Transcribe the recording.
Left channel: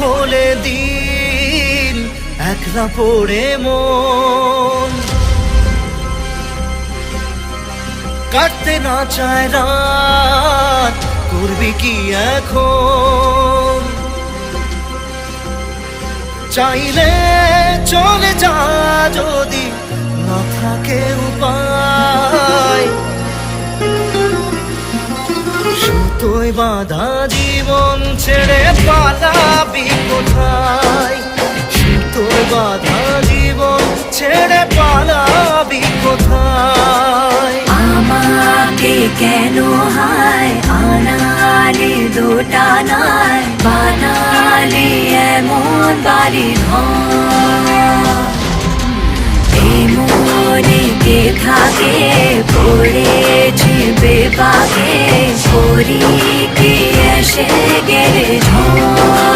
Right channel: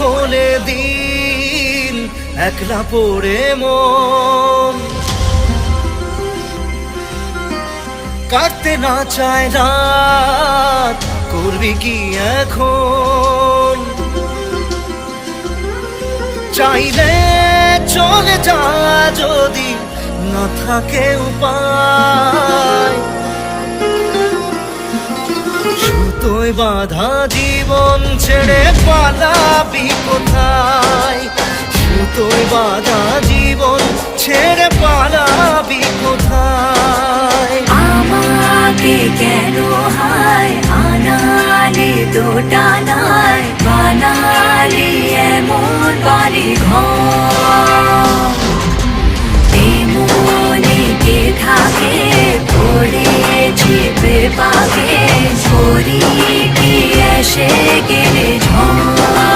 হলে দিন একলা পড়ে মন কাটতে না চায় রাত করবি কি এখন চাইলে চলে যা যদি না থাকে উপায় সুতোয় বাঁধা জীবন ছেড়ে পালাবি কোথায় সুতোয় বাঁধা জীবন ছেড়ে পালাবি কোথায় আমাকে কেন হায় আনালি দোটানায় বানালি এমন বাড়ি ঘর মনে কে থাকে পড়েছি বেবাকে পরি কি এসে গেলে ঝড়